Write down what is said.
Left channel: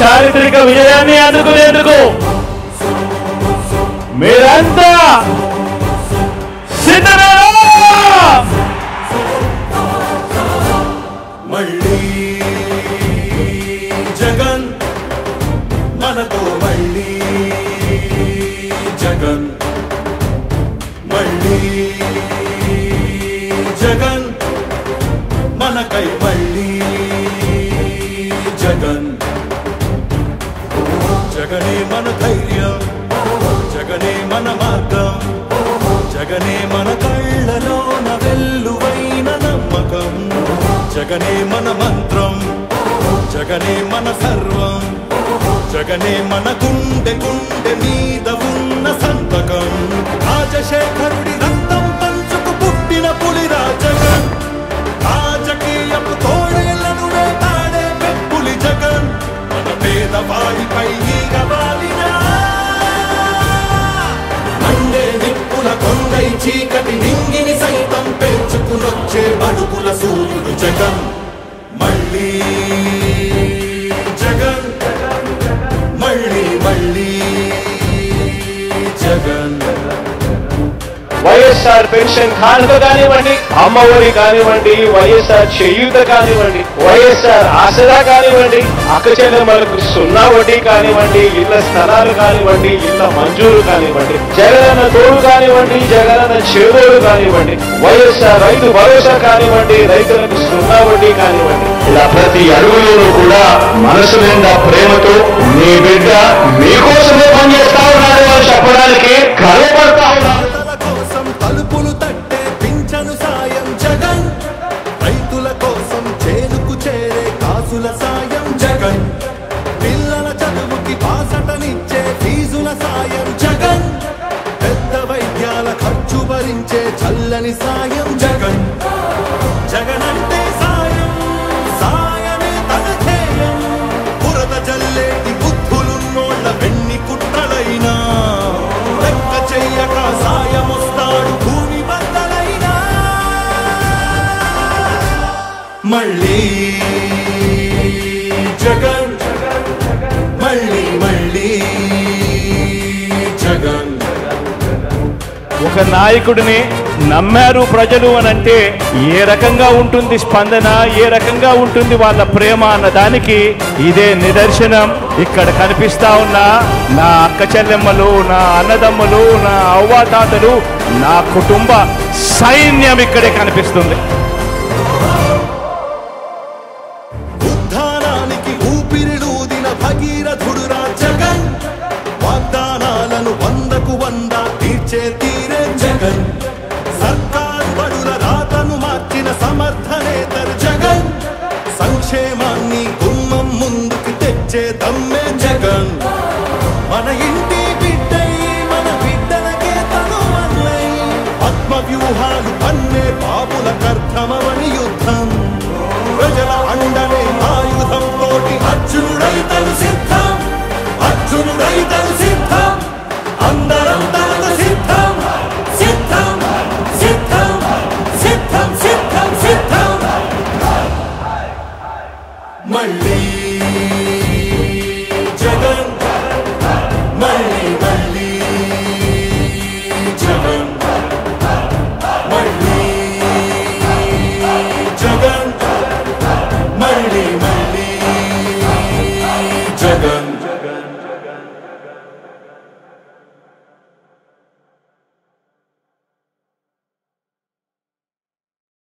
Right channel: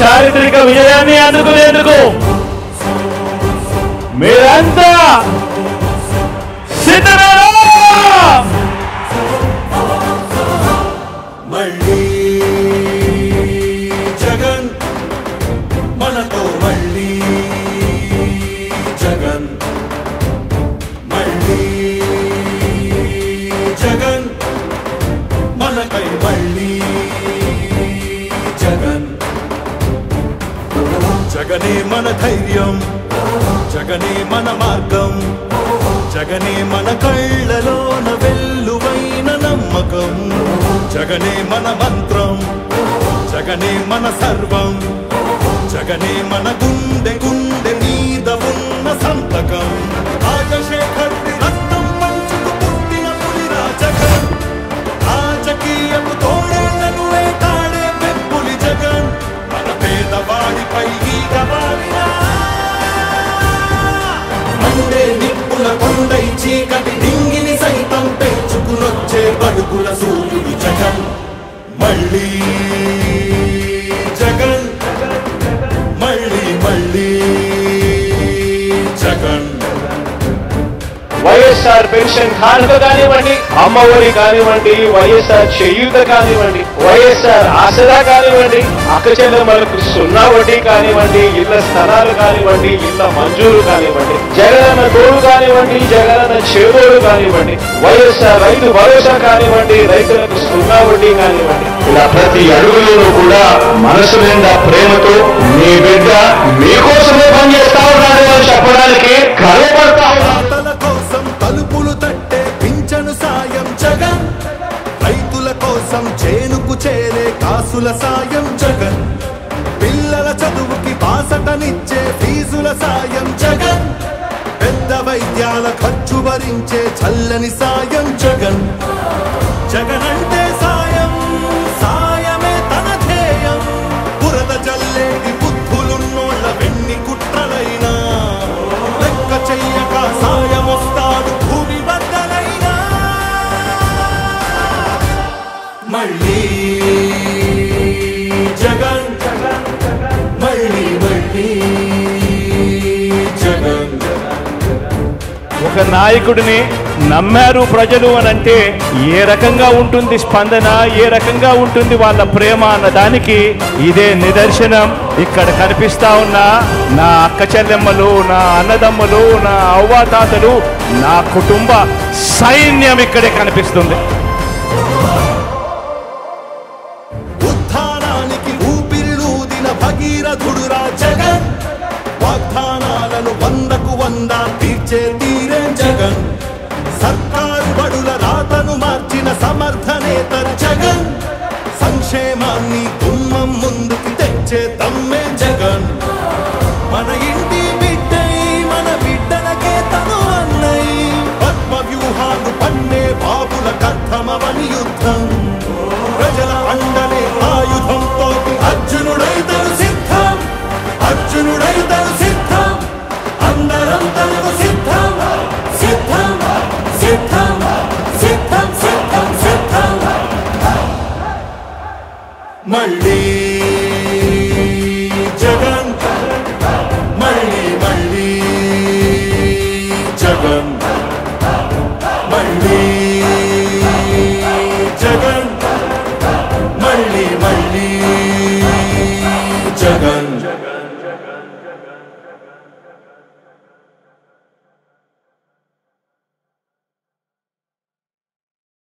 చారిత్రక విజయాన్ని అందుకునేందుకు మీరంతా సిద్ధమేనా? మళ్ళీ జగన్ మనతో, మళ్ళీ జగన్, మళ్ళీ జగన్ మనకై, మళ్ళీ జగన్. జగనే మన ధైర్యం, జగనే మన మార్గం, జగనే మన కళ్ళలోన వెల్లువైన నమ్మకం, జగనే మన మంత్రం, జగనే మన సర్వం, జగనే మన గుండె గుండె మీద ఉన్న సంతకం. రాజశేఖరుడి రక్తం పంచుకు పుట్టిన పులిరా జగన్, రాజకీయపు తోడేళ్లను వేటాడే పెప్పులి జగన్, మన పేదవాడిపై ఈగవాలినా మండే నిప్పుల కొండై చీకటి డింగిని సైతం పెంచుకునొచ్చే బడుగుల సూర్యుడు జగన్. మళ్ళీ జగన్, మళ్ళీ మళ్ళీ జగన్. వైఎస్ఆర్ పెన్షన్ కానుక కానివ్వండి, అమ్మ ఒడి కానివ్వండి, వైఎస్ఆర్ చేయూత కానివ్వండి, వైఎస్ఆర్ ఆసరా కానివ్వండి, అక్క చెల్లెమ్మలకు 0 వడ్డీ కానివ్వండి, ఇళ్ల స్థలాలు కానివ్వండి, ఇళ్ల మంజూరు కానివ్వండి, జగనన్న తోడు కానివ్వండి, జగనన్న చేదోడు కానివ్వండి, వైఎస్ఆర్ రైతు భరోసా కానివ్వండి, రైతులకు 0 వడ్డీ కానివ్వండి, ఇలా ప్రతి అడుగులోనూ కూడా మనసు నిండా ప్రేమతో మీ బిడ్డ మీకోసమే పనిచేస్తా ఉన్నాడు అని చెప్పడానికి గర్వపడతా ఉన్నాడు. తలుపులు తట్టే పింఛను సాయం జగన్, రైతుల కోసం చేనుకు చేరే కాసుల సాయం జగన్, పిల్లల చదువుకి బాసటనిచ్చే ఫీజుల సాయం జగన్, పెద్ద వైద్యాల ఖర్చు భరించే చల్లని సాయం జగన్. జగన్ అంటే సాయం, సాయమే తన ధ్యేయం, బురద జల్లేది బుద్ధులున్నోళ్ళ వెన్ని కుట్రలైనా లెక్క చెయ్యక సాయం వస్తాడు భూమి బద్దలైనా. మళ్ళీ జగన్, మళ్ళీ మళ్ళీ జగన్. ఒక నాయకుడిని నమ్మారు ప్రజలు అని అంటే ఏ రకంగా ఉంటుంది స్పందన, ఏ రకంగా ఉంటుంది వాళ్ళ ప్రేమ అన్న దానికి ఇదే నిదర్శనం. ఇక్కడ కనిపిస్తా ఉన్న నా అక్క చెల్లెమ్మలు, నా అన్నదమ్ములు, నా అవ్వాతాతలు, నా కుటుంబ సైన్యం ఇక్కడే కనిపిస్తుంది. ఉత్థానానికి ఊపిరిలూదిన భగీరథుడురా జగన్, వాగ్దానాలను 100కు 100 తీర్చే తీరే జగన్, సర్కారు బడుల రాతను మార్చిన సమర్థ నేతర జగన్, సంక్షేమాన్ని గుమ్మం ముందుకు తెచ్చే దమ్మే జగన్, మన ఇంటి బిడ్డై మన బిడ్డలకే తను అన్నై, పద్మ వ్యూహాలు పన్నే బాబుల కర్తమని యుద్ధం, ప్రజల అండనే ఆయుధంతో అర్జునుడైతను సిద్ధం, అర్జునుడైతను సిద్ధం, అందరం తనకు సిద్ధం, సిద్ధం సిద్ధం సిద్ధం సిద్ధం సిద్ధం. మళ్ళీ జగన్, మళ్ళీ మళ్ళీ జగన్, మళ్ళీ జగన్, మళ్ళీ మళ్ళీ జగన్.